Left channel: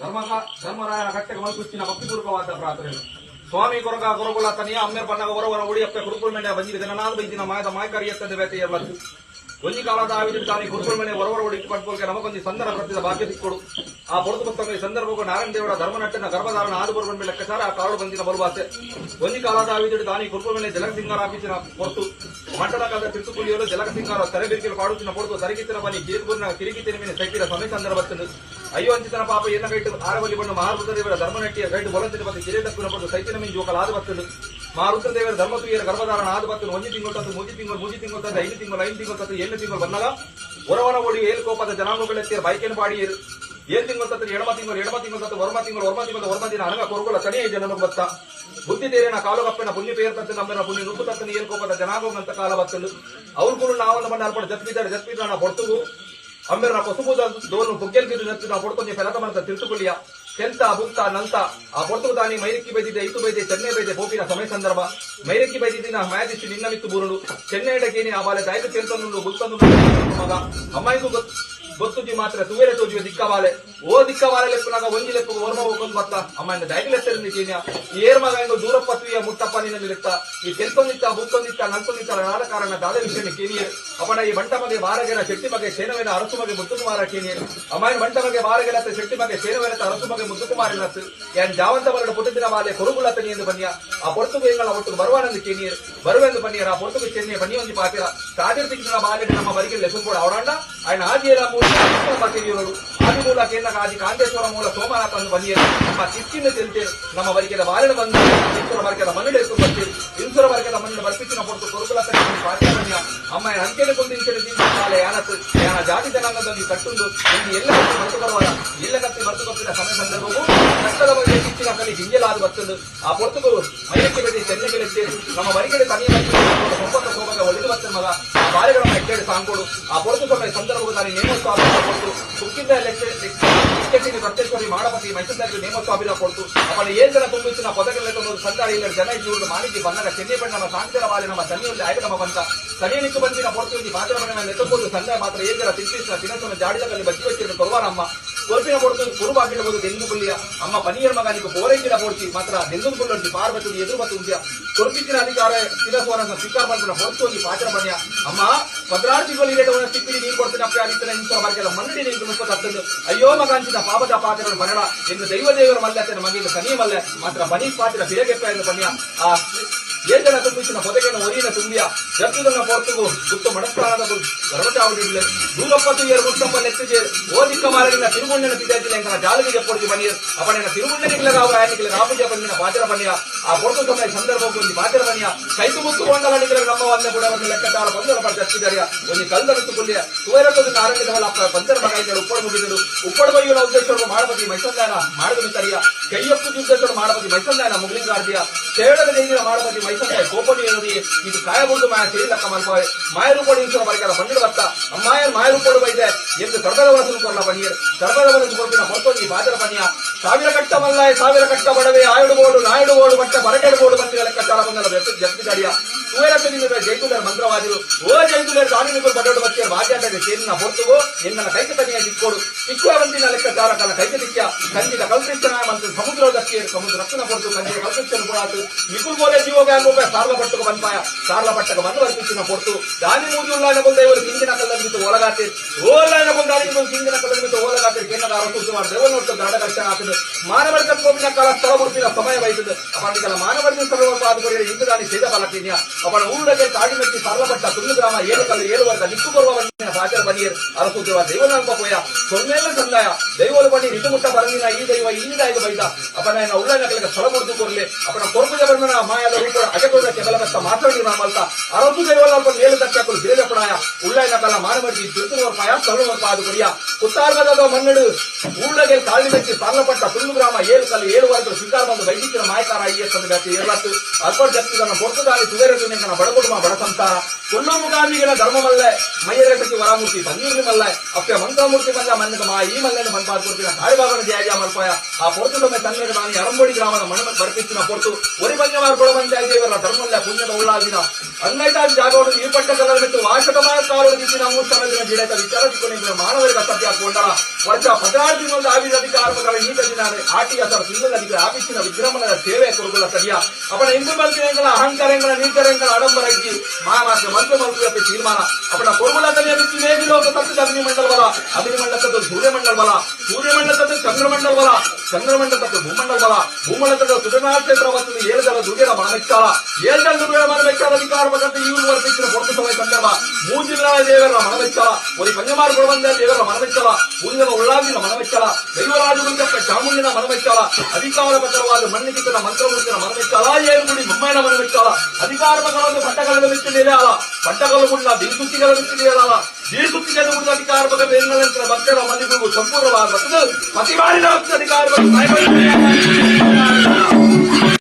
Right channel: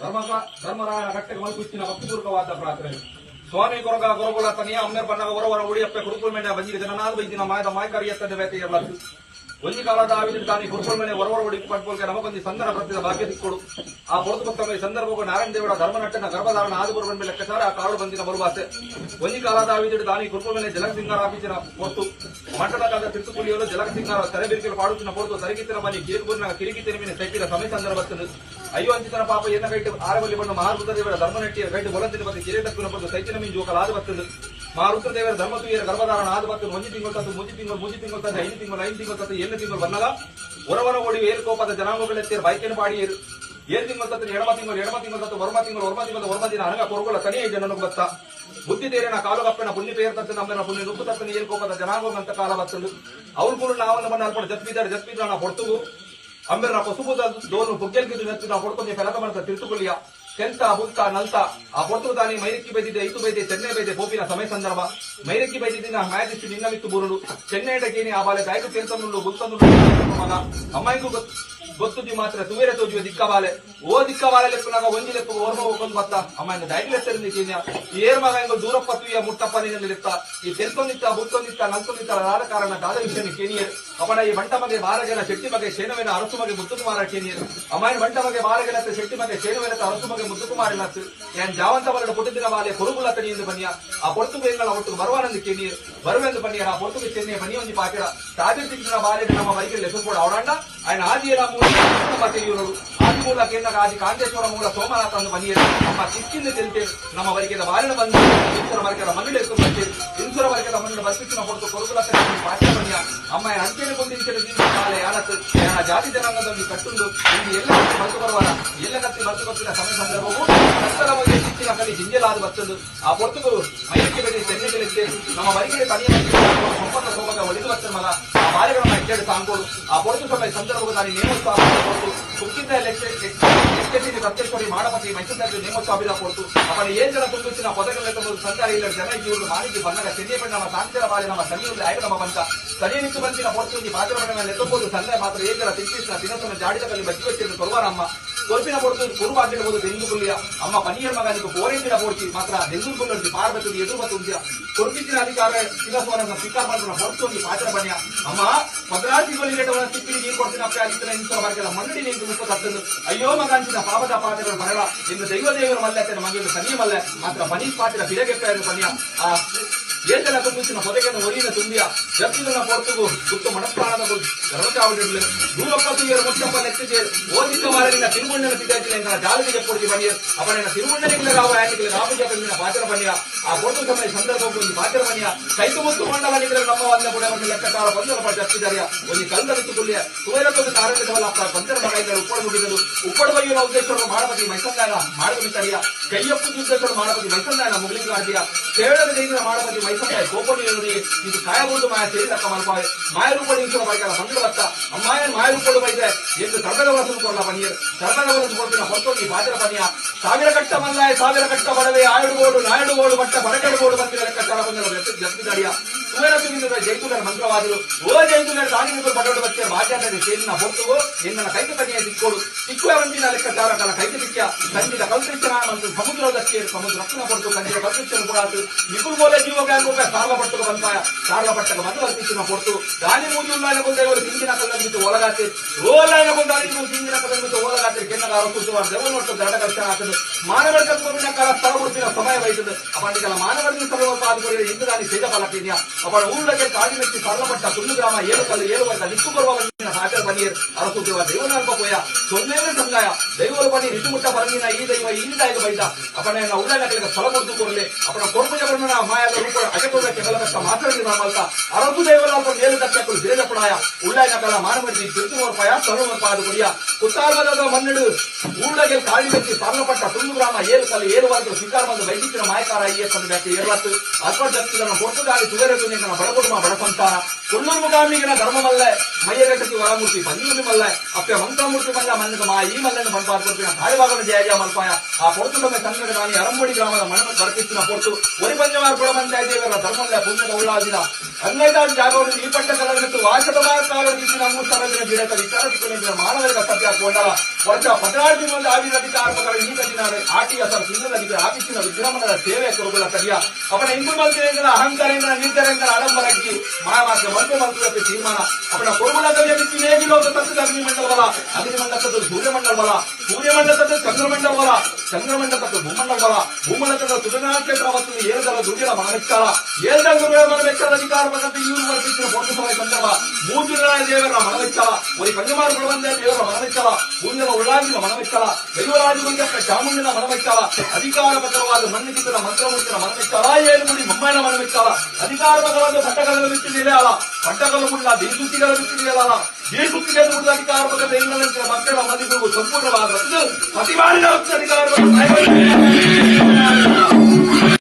ಧರ್ಮರಾಯನ ಕಟ್ಟೆಗೆ ಮಲ್ಕುಚ್ಚಿನ ಭಕ್ತಿಪೂರ್ವಕವಾದ ಪ್ರಾರ್ಥನೆ. ಸ್ವಾಮಿ ಕೊರಗ ಗೊರಗುಲ ತನಿಯ ಅಮ್ಮೇರ್ ಬಣ್ಣ ಹೊರವರ ಉಡಿಯಪ್ಪ ಕುರುಕುಲ್ ಮೆಂಡೆ ಬಂದಿಗೆ ಜನನಾದ ಬೈದಿನ ಮಾಯದ ಮಾಯಕಾರಿಯತ್ತದ ಬೇತೆ ಇರಲದು ಒಂಜಿ ಕಾಲದ ಆವಿದ ತಾನಿ ಕುರುಕುಲ್ ಮೇಲೆ ಹೊರವರ ಉಡಿ ಪಟ್ಕೋಲ್ಗೆ ನಮಗೊಂದು ಸಂದರ್ಭ ಪ್ರತಿದ ಭಾಗ್ಯ ಸಿಕ್ಕೊಡು. ಆ ಪೊರತು ಪುಸ್ತಕ ಸಂದರ್ಭಕ್ಕೂ ನಾರಾಯಣ ದೇವರ ಧರ್ಮನಟ್ಟನ ಗರ್ಭಧಾರಣ ಆದುಬರು ಬಂದ ಲೆಕ್ಕಸಾರ ಆ ಕಾಳು ಬಂದಿನ ಬರುವಾಸೆ ಒಂಜಿ ಕಾಲದ ಆವಿದ ತಾನಿ ಕುರುಕುಲ್ ಮೇಲೆ ಜಲಸಿಂಗಾರ ಆಫೀಸಿನ ಹೊತ್ತು ಮಂಟದ ಕಾಲ ತಿರುಕುಳಿಯಲು ಜಲಸಿಂಗಾರ ತಲೆಬಿರಿಕೆ ಪಾಡುತ್ತಿನ ಪೊರತು ತರಗಿತ್ತಿನ ಬನ್ನಿ ಕಿರುಕೂರಿನ ಕಿರಿಕಿತಿನ ಮೇಲೆ ಸೈತಿನ ಸಮಯ ಸಂದರ್ಭದಲ್ಲಿ ಅಯ್ಯೋ ಅಂಚಿತನ ಪಾಪ ಏನ ಕೈಟು ಆರವಲ್ಲಿ ಬಣ್ಣ ಮಹಾರುದ್ರ ದೇವರ ಧರ್ಮನಟ್ಟಿಯ ಕೈಟು ಬೊಲಂತಿನ ಬಗ್ಗೆ ಕಿರೀಟಕ್ಕೂ ಪಡೆದು ಸೈತಿನ ಮಿಂಜು ಜೋಕಲಾದ ಬರ್ತದೆ. ಮಹಾರುದ್ರ ದೇವರ ಧರ್ಮತುಯ್ಯರ ಗರ್ಭಧಾರಣ ಆದ ಬರ್ತದೆ. ಒಂಜಿ ತಿಂಗಳು ತತ್ತು ಮೂಜಿ ತಿಂಗಳು ತದ್ದು 5 ತಿಂಗಳು ತತ್ತು 7 ತಿಂಗಳು ಬಂದಾಗ ಹೊರವರ ಓಡಿ ಏಲ್ಕೋಪದ ಜನಾಂಗಗಳೆತ್ತಿಯ ಬೈಕೇನು ಪಾಡಿ 7 ತಿಂಗಳು ತತ್ತು ಎಡಮ ತಿಂಗಳು ತತ್ತು ವರ್ಮ ದಿನ ಅನಗ ಕೊರಗುಲ ತನಿಯ ಜನನು ಬತ್ತ ಬುದ್ಧಿ ತೇರಿನ ಕಾಲು ಕಪ್ಪನ ಪುಣ್ಯ ಪೇರ್ ತತ್ತು ನಮ್ಮನ ಪುಣ್ಯ ರುಪ್ಪು ತತ್ತನ ಏಲ್ಕೋಪದ ಜನಾಂಗಂತ ಕಾಲ ಬರ್ತದೆ. ಅವ್ರು ಕೂಡ ನಾವನ್ನ ಮಣ್ಣ ಅಲ್ಪಡ ಜತ್ಪಿದ್ದಾಡ ಪೊರ್ತುಗು ಅಂಬೆರನ ಕೊಸುಬುದ ದೋನು ಬುಗ್ಗೆಲ್ಗಿದ್ದು ನೆತ್ತಿನ ಪೊಡ್ಕೊಂಡಿ ಫೆಲಕಮನದ ತಿರುತುಕೊಲ್ಲಿಯ ಕೆಂತ ಬುಕ್ಕ ನಂತ ಆ ಪೊರ್ತುಗು ತಾನಿ ಮೈರಕ್ಕಿ ಬೈದಿದ್ದೆ ಇತ್ತು ಬೈದೆ ಚೆನ್ನೈ ಬೈದೆ ಬೋಪಿನ ಸಮಯ ಸಂದರ್ಭ ಮೈರಕ್ಕಿ ಬೈದಿದ್ದಿನ ಮ್ಯಾಜಿಸಿ ನಿನ್ನವಿತ್ತು ಬುರುಡು ಚೆನ್ನೈಡಕೇನಿ ಆ ಬಾಲೆ ತಾಯ್ದು ತೆಲ್ತೊಂದು ಬುಕ್ತೊಂದು ಮಗ ಅಮ್ಮಾಯಿಗೂ ಗೊತ್ತುಜಿ ಮಾತ್ರ ತುವೇರೆ ತೋಜುವ ದಿಕ್ಕವಾಲೆ ಓ ದಿಕ್ಕವಾಲೆ ಲೆಪ್ಪನಾಗ ಒಂಜಿ ಲೆಪ್ಪು ಓರ್ಮ ಹೋಗೊಂಡು ಮತ್ತ ಅಮ್ಮ ಇಂದ ದೈಗಲೆತ್ತರಿದ್ದೀನ ಏರ್ ಮಗ ಇಂದು ದೂರಪ್ಪತ್ವಿಯ ಮುಟ್ಟಪ್ಪನಿನಲ್ಲಿ ಲೆಕ್ಕ ಈ ತೆಲ್ಕೊಂದಿತ್ತ ಬುಕ್ಕೊಂದಿತ್ತ ನಂತೊಂದಿತ್ತ ಆದ ಕಾರಣ ದಾದ ವಿಷಯ ಕೇನಿಯರ್ ಅಪ್ಪನ ಈ ಬಂಟ ಮಗೆ ಬಾರಗೆನ ಶೆಟ್ಟಿ ಮಗೆ ಸೇನವೇನ ಅರಸು ಮಗೆ ಮುದ್ದುಕುಮಾರ ಕೇನಿಯರ್ ಅಮ್ಮ ಬಂಟ ಮಗೆ ಬಾರಗೆನತ್ತ ಶೆಟ್ಟಿ ಮಗೆ ಸೇನವೇನ ಅರಸು ಮಗೆ ಮುದ್ದುಕುಮಾರಿನತ್ತು ಯಾನ್ ಜಾವಂತ ಬರಡು ಪುಟದಿನ ವಾಲೆ ಕೊಡುಗುಲತನಿ ಎಂದು ಬನ್ನಿಯ ಆ ಪೊರ್ತುಗೇಗಳ ಒಟ್ಟು ಬರುವಾನಂದು ಕೇನಿಯರ್ ಬರುವೆಂದು ಬನ್ನಿಯರ ಆ ಪೊರ್ತುಗೆ ಚೆನ್ನಿಯ ಬನ್ನಿ ಒಂದು ಪಾತಿರ ಸಾವಿರ ತಿಂಗಳ ಬಾಲೆ ನಮ್ಮ ಬರಿಗೆ ಲೆಸು ಕೂಡ ಅವರಣ್ಣ ఆయన ఆదిల మూల material ಆದಿ ಮೂಲ ಕೇಂದ್ರ ಆದಿ ಕಾಂತೇಶ್ವರ ಮೂಲ ಸೋಮನಾಥ ಅನ್ನು ಬಂದಿಯರು ನಮ್ಮ ಕಿಚ್ಚಿನ ತಿಳಿತೆ ನಮ್ಮ ವರಿಕೆದ ಬಾಲಿನ ಬಂದು ಇಂಸುರ ವರ್ಗದ ಮಣ್ಣು ಎತ್ತು ಬರ್ತೀರಿ ಇಂಸುರ ವರ್ಗದ ಮಣ್ಣು ಬರ್ಪಿಚ್ಚಿನ ಹೊರತು ಕೊರಗುಲ ಪಾಠ ಅಮ್ಮ ಅಂಕೆನೆ ಕೊಂದಿಂಕೆರೆ ಬಾಲೆ ಯಾನತ್ತು ಯಾನ ಜಾತಿ ಜನಾಂಗದಲ್ಲಿ ಕಟ್ಟುಂದು ಇಲ್ಲಿ ಎಲ್ಲ ಮದ್ದು ಬರುವಾಗ ಎಲ್ಲ ಕತ್ತಿ ಮದ್ದು ಗೊತ್ತಿನ ಸಮಯ ಸಂದರ್ಭವು ಕಷ್ಟದ ಬಗ್ಗೆ ಕಿಚ್ಚಿನ ಕಲಿ ಗಿಂಜಲಾದ ಬರ್ತದು ಆ ಪೊರ್ತುಗಳು ಮೈರಕ್ಕೆ ಬೆಳೆ ತೆನ್ನೆಗಳಿಗೆ ನಮ್ಮ ವರಿಕೆದ ತನಿಯ ಸಂಪರ್ಕ ಹೋಗದ ಒಳಿದು ಬರ್ತದೆ ಮಗ ಆ ಬಾಲೆಗಳನ್ನ ಕೇಳಿ ಸಾಂಗೋಡು ಆ ಪೊರ್ತು ಸಮಯ ಸಂದರ್ಭವು ನಾನು ನೇಮೋತ್ಸವ ಕೊಟ್ಟು ಸುತ್ತಿದ್ದ ಲೆಕ್ಕಟಿನ ಕತ್ತೇಶ್ವರಿ ಮಾಡಪತಿ ಮೈಸೂರಿನಲ್ಲಿ ನೇಮೋತ್ಸವ ಕೊಟ್ಟು ಅವಳು ಏನ್ ಜನ ತುಂಬಿಸಿನ ಪದಕಗಳು ಸಂಚಾರ ಇಲ್ಲ ಜನ ಜೀವನ ಮಾನಿಗೆ ಬಂದಾಗ ಚೆನ್ನೈ ಬಣ್ಣ ನಮ್ಮ ಸಾಂತರ ಬಾಳೆ ನಮ್ಮ ಸನಿಯಲ್ಲಿ ಆಯ್ಕೆ ನಮ್ಮ ಬಂತ ಸನಿ ನಿಂತು ಬಂದಿನ ಪೊರ್ತು ಪಾತ್ರವನ್ನು ಎತ್ತಬಹುದು ಸಂಘ ಮಾತ್ರ ಏನ್ ಜನ ತಿಂತಿನ ದಿನಸನ ಜಾಡಿದಲ್ಲಿ ಬಚ್ಚಿನ ಕೊರವಾರಮ್ಮ ಕೊರಪಿನ ಪೊರ್ತು ಕುರುಬಾಗಿರ್ಬೋದು ದೆಂದು ಬುಲ್ಲಿಯ ಅಮ್ಮ ಪನಿಯರ್ ಮಗ ನೀವು ಕೋರೇಂಜಿನ ಪೋರ್ಚಿ ಮಾತ್ರ ದೆಂದು ಬುಲ್ಲಿ ಪಾರ್ಬತ್ತು ಎದುರು ಮತ್ತು ಉಂಟಿಯ ಕೊರಪಿನ ಅಧಿಕಾರ ತಿರಸ್ವರನ್ನ ಸ್ವೀಕಾರ ಮಾಡಿದ ಪೊರ್ತು ಪಾತ್ರ ಬನ್ನಿಯ ಅಮ್ಮ ಭದ್ರಾಜಿಗಳು ಸಿಕ್ಕಿ ನೀರು ಕೊಡ್ತೀನಿ ಅಪ್ಪ ಆಗಿತ್ತು ಇಂಥ ವರ್ಗದ ಮಂಡಿ ನೀರು ಮುಪ್ಪತ್ತದ್ದು ಅಯ್ಯೋ ಮಗ ಅಂಚಿನ ಪಾಪದ ಪಾತ್ರಗಳು ಬರಳ ಎಂದು ದೈವದೇವರು ಮಲ್ಲೆ ಮಗಿನ ಸನಿ ಮಲ್ಲೆ ಮಾತ್ರ ಬನಿ ಪಾತ್ರ ಬಿರಗೆಪ್ಪ ಪನ್ಯ ಆ ಏಜನ ತುಂಬಿಸಿನ ಹೊದೆಗೆನ ಒರಿನ ತುಂಬಿಯ ಜತ್ತಿನ ಪೊರ್ತುಗು ಗುಪ್ತ ಮನಸ್ಪರಾದ ಗರ್ವಚಾವಡಿರಲಿ ದೂರಪ್ಪತ್ತು ಏರು ಮೊತ್ತಪ್ಪ ನೆತ್ತಿಗೆ ಓದಿಕ್ಕ ಮಾರನಿನ ತಿರುಮುಂಡನ ಸಿದ್ಧಾಂತಿನ ಇಂತಹ ಜಾಲದಿಗೆ ಪೊಡ್ತಿ ಬನ್ನಿಯರ್ ಅವನ ತಿರುಮುಂಡನಿಗಳಾಗ ಆಯ್ಕೆಗೆ ರಾಮಜ ಬಂದಿನ ಪಾತ್ರ ಬನ್ನಿಯ ಆ ಪೊರ್ತು ಸಮಯ ಸಂದರ್ಭಕ್ಕೂ ಒಂದು ಪಾತ್ರ ಬನ್ನಿಯ ಕೈತು ಮುತ್ತು ಕೊಂಡಲಿದ್ರೆ ನಮ್ಮ ಒಂದೇ ಕೂಡ ಒಂದು ಲೆಕ್ಕಕಾರ ಬಂದರ ಜತ್ತಿದಾರಿಯ ಒಂದು ಕಲ್ದತ್ತು ಕೊಲ್ಲಿಯ ಸುವೇರತ್ತದ ನಾರಾಯಣವಲ್ಲ ಪಂಚರ ಮಗದಿಂದ ಉಪ್ಪಡು ಮುಗಿದರು ಉಪ್ಪಡು ಬೈಯುವ ಉದ್ದೇಶವನ್ನು ಮಾಡಬದಿ ಮೈಸಂದಾನ ಮಾಡಬದಿತಾರಿಯ ಕೈಯಪ್ಪು ಉದ್ದೇಶವನ್ನು ಮಾಡಬದಿ ಮೈಸಂದಾನ ಮುಗ್ಲಿಂಗಾರ್ದಿಯ ಕೇರಳದ ದೈನಿನ ಮಾಡಬದಿ ಮೈಸಂದಾಯ ಕೋಪಣಿ ಇದು ಕಾಯಬಹುದು ಮಾಯ ಸೇರಿಲಕ್ಕ ಮಲ್ಪಾವೆ ಮಾಯರೂಪಡಿ ಇಂಚರ ಬೈಕರ ಬಂದಿರ ಬತ್ತ ಅಮ್ಮಾಯರ್ ಮಾಯರೂಪಡು ಬೈದೆ ಎಂದು ಸರ್ಕಾರದ ವಲಸಲು ಕೊರಲ ಬನ್ನಿಯರ್ ಸರ್ಕಾರದ ವಲಸು ಕೊಡ್ತಿನ ಹೊರತೋಗಿ ಬಾಜರ ಬನ್ನಿಯ ಸಾವಿರ ಕಟ್ಟ ಮಲ್ಲಾಯ ಸಾವಿರ ಕಟ್ಟ ಬಡವೆ ಆಯುಡುಗೋಡು ನಾಯುಡುಗೋಡು ಬಟ್ಟ ಬರಕೆಡುಗೋಡು ಬಂದಿರ ಲೆಕ್ಕಾಚಾರ ಬಂದಲ್ಲ ಜಪ್ತಿದಾರಿಯ ಸುವೇರತ್ತಿನಿಂದ ಜೈತುಲರ್ ಮಂತ್ರವಾದರು ಓ ಜೈತುಲರ್ ಕಾಣಿಮಿಗಳು ಬಡೋಡು ಬಚ್ಚೆ ಬಾಜ್ಯಾಟಕ್ಕೆ ಸೇರಿನ ಹೊರತುಗೋ ಎನ್ನ ಕೈಗೆ ತನಿಯ ಸಿಕ್ಕೋಡು ಸಿಕ್ಕುವ ಬಂದಿನ ಲೆಕ್ಕಾಚಾರ ಕಲ ಕೈಗೆ ಸಿಕ್ಕ ಕಂಚಿದ ಕಲ್ಪಿಸ್ತನ ಮಂತ್ರ ಸಮುದ್ರದಕ್ಕೆ ಸಮುದ್ರ ರಕ್ಷಣ ಕೊಟ್ಟು ಕಂಚಿದ ಕಲ್ಪಿಸ್ತನ ಕೂಡ ನಿಕುಲ್ ಬೋಲೆ ಜೀವಗಾಂಗೋಪೆ ಸಾರ್ಲ ಪಟ್ಟಕ ಬಂಪಾಯ ಸಾರ್ಲ ಪಟ್ಟಕ ಬಂದು ವರ್ತಿಸಿನ ಪೊರ್ತು ದಾನಿ ಮೂಜಿ ಉಲ್ಲಾಣ ಬಂದ ಇವರು ಹಿಂದಿನ ಕಲ್ಲಂಬಿಟ್ಟು ಓಲಗಾತೆ ಓಲಾಣ ಬಂದ ಹಿಂದಿನ ಕಲ್ಲಂಬಿಟ್ಟು ಓಲಗಾತೆ ಕೆನ್ನ ಅರಸುವ ದೇವನೊಟ್ಟು ದಡ ಕಷ್ಟ ಆಗ್ತದೆ ಮಾನವ ಕಲ್ಪನ ಕಾಲ ಸ್ಥಳ ಬಿಡ್ತಿನ ಸಮಯ ವಹಿಸುದು ಅಪನಿಕಲ ಮಾನವರ್ಗ ಸರ್ವಪಾದಕರಿಗೆ ಹಿಂದೂ ದಾನಿ ಸೇದ ಫಲಕಿನ್ಯ ಅವನ ಊರಿಗೆ ಕಾಡಿ ಮೆಚ್ಚಿ ಸಾರ್ಲಪಟ್ಟ ತುಳು ಗ್ರಾಮ ಏಳು ಕಲ್ಲು ಏಳು ವರ್ಗ ನಿಕ್ಕು ಬರುವ ಬಂದಿನ ಪಾಚರ ಬನಿಯರ್ ಅರಸುದೇವ ದೇವನಂಬ ಪೋಯ ಸೊನ್ನೆಲ್ಲ ಸಂದಾಯ ದೈವಲು ಬನ್ನಿ ರಿಟುಮುಟ್ಟ ಬರಂಗಿನ ಈ ದೈವ ಇಂದ ಈಗ ಬೈದ ಅಪನ ಉಳ್ಳಾಣಗಳಿಗೆ ಸ್ಥಳ ಕೊಡ್ತು ಕೊರ್ಲೆ ಅಪನ ಕೊರ್ಪುಜ ಬಣ್ಣನ ಮಾಯದ ರೂಪ ಅಜಕೊಂಡಕ್ಕೆ ಬೆಲಬೆತ್ತ ಮಾತಾಡಿ ನಾಮಲ್ತ ಅರಸು ದೈವಲ ಅಲ್ಪ ಮೇಲು ದಕ್ಕಲು ಬೇಜಪಣಾಯ ಉಳ್ಳಾಣ ಕಾಲ ಮಾನಮಡಿ ತಿರುತುವರ್ ಪಾಯ ಸ್ಥಳವರ್ ಪಾದ ಕೊಡಿಯ ಕುತ್ತಾರ್ಮದ ಮನ್ನಡು ಊಳಗೆ ಕಾಡಿ ಮೆಚ್ಚಿ ಸಾರ್ಲಪಟ್ಟ ತುಳು ಗ್ರಾಮ ಏಳು ಕಲ್ಲು ಏಳು ವರ್ಗ ಸ್ವೀಕಾರ ಬಂದ ವೈದಿಕರ ಮಾಯಕಾರ ಐಎಸ್ ಅಂತ ಬ್ಯಾತಿ ಏಳತ್ತು ಅಲ್ಪರ್ ಜಗತ್ತಿನ ಪೊರ್ತುಗಾಲಿ ಸುವೇರ ಬಡಗುಡುಮ ಬಡ ಸಂಸಾರ ಕೊಲ್ಲೂರು ಮುಗಾಮಿಗಳ ಧರ್ಮವಲ್ಲ ಮೈಯರಟಕ್ಕೆ ವರಮೂರ್ತಿ ಬನ್ನೂರು ಮಲ್ಲ ಅಪ್ಪ ಮಂತ್ರಮೂರ್ತಿ ಮಲ್ಲ ಮನ್ನಕ ಮಾ ಈ ಮಲ್ಲನ್ನು ಮನ್ಪಾರ್ಕೊಡ್ತಿನ ತಾಯಿಭಾಗನ ಜಯ ಮಲ್ಪಾಯ ಆ ಪೊರ್ತು ಸಮಯ ಸಂಘದ ನಾನಿ ಅರಂಬೋಡಿ ಗ್ರಾಮದ ಮಣ ಬರ್ತಿತ್ತಿನ ಪೊರ್ತು ಒರಿ ಪಂಚಮಾರ್ ಕೊಡ ಪಂಚಾಯತ್ ದೇವರ ಧರ್ಮವಲ್ಲ ಪುಣ್ಯದ ಉಳ್ಳಾದಿನ ಅಂಗೈದಾದ ಜಾಗವನ್ನು ಈ ಪಟ್ಟ ಕಲರ್ ಬಿಟ್ಟು ವಾಶಕಮಾರ ಕಾಲದ ರೀತಿ ನಮ್ಮ ಸ್ಥಳದಿಂದ ಗಿಡತ ವಿಚಾರಿಸಿಕೊಂಡಿದ್ದ ಮಾನವರಿಗೆ ಸತ್ಯ ಕೊಂಡಲ ವರ್ಷ 14 ಮಂದಿ ಆವಿದ ಅಧಿಕಾರಗಳ ನೀತಿನಾರೆ ಆಟಿಎಸ್ಆರ್ ಸಿಂಗಲ್ ಅಧಿಕಾರಿ ಆಫೀಸಿನ ವಿಜೃಂಭಣದ ಸೇವೆ ಕೊರಗುಲ ತಡಿಯ ಅವನ ಇಂದು ಮಲ್ಪನೆಗಳ ಅಹಂಕಾರಗಳ ನಿರ್ಧಾರಗಳ ಆಡಂಬರಕ್ಕೆ ಮಾಯವಾಕ್ಯ ಮಂತ್ರ ತೀರ್ಮಾನ ಅವನ ಕೊರಗುಲ ತಡಿಯ ಬಿಟ್ಟು ನೇಗಿ ಲೋಕ ತತ್ವದ ಅಗ್ನಿಮಂಡಲ ಬಲ ಅಗ್ನಿಮಂಡಲದ ಸೂರ್ಯಮಂಡಲ ಬಲ ಸೂರ್ಯಮಂಡಲದ ಚಂದ್ರಮಂಡಲ ಬಲ ಚಂದ್ರಮಂಡಲದ ಭೂಮಂಡಲ ಬಲ ಭೂಮಂಡಲದ ಸುಧನಾಕ್ಷೇತ್ರ ಮತ್ತು ಏಳದಲ ದುರ್ಗದ ಮನಮೆಚ್ಚಾಳ ಏಳದಲ ದುರ್ಗದ ಮನಮೆಚ್ಚಾಳ ಅಧಿಕಾರಕ್ಕೆ ಇವರು ವರ್ತಿಸಿದ ಪೊಟ್ಟು ಸಭೆ ಸಂದರ್ಭ ಮೂಜಿಗಳ ದೇವರ ಮನಮೆಚ್ಚಾಳ ಒಂದು ಕನ್ಯಮಾರು ಕೊಡಬಂದ ದೇವರ ಮನಮೆಚ್ಚಾಳ ಉಳಿದ ಉಳ್ಳಾಗಿನ ಮನಮೆಚ್ಚಾಳ ದೈವರಾಜುಗಳ ಚಾಮುಂಡಿನ ಮನಮೆಚ್ಚಾಳ ಅಧಿಕಾರ ಪ್ರಕಾರವಾದ ಮಣ್ಣಿಕಿತನ ಮಂತ್ರಮೂರ್ತಿನ ಮನಮೆಚ್ಚಾಳ ಏಳುಗುಡಿ ಬೊಮ್ಮನ ಮನಮೆಚ್ಚಾಳ ಅಧಿಕಾರ ಪ್ರಕಾರದ ಪಟ್ಟಗಳನ್ನು ಬಿಟ್ಟು ನಿಲೆಯಾಳ ಪಟ್ಟಗಳು ಮುನ್ನ ದಿನಸುತ್ತಿಗಳ ಬಿಟ್ಟು ನಿಲೆಯಾಳ ದಿನಸುತ್ತಿಗಳನ್ನು ಮುನ್ನ ಅಧಿಕಾರ ಪ್ರಕಾರ ಮಕ್ಕಳ ಮನೆಗೂ ಸಂಪೂರ್ಣವಾದ ಪ್ರತಿಮಾನಿನ ಅಧಿಕಾರ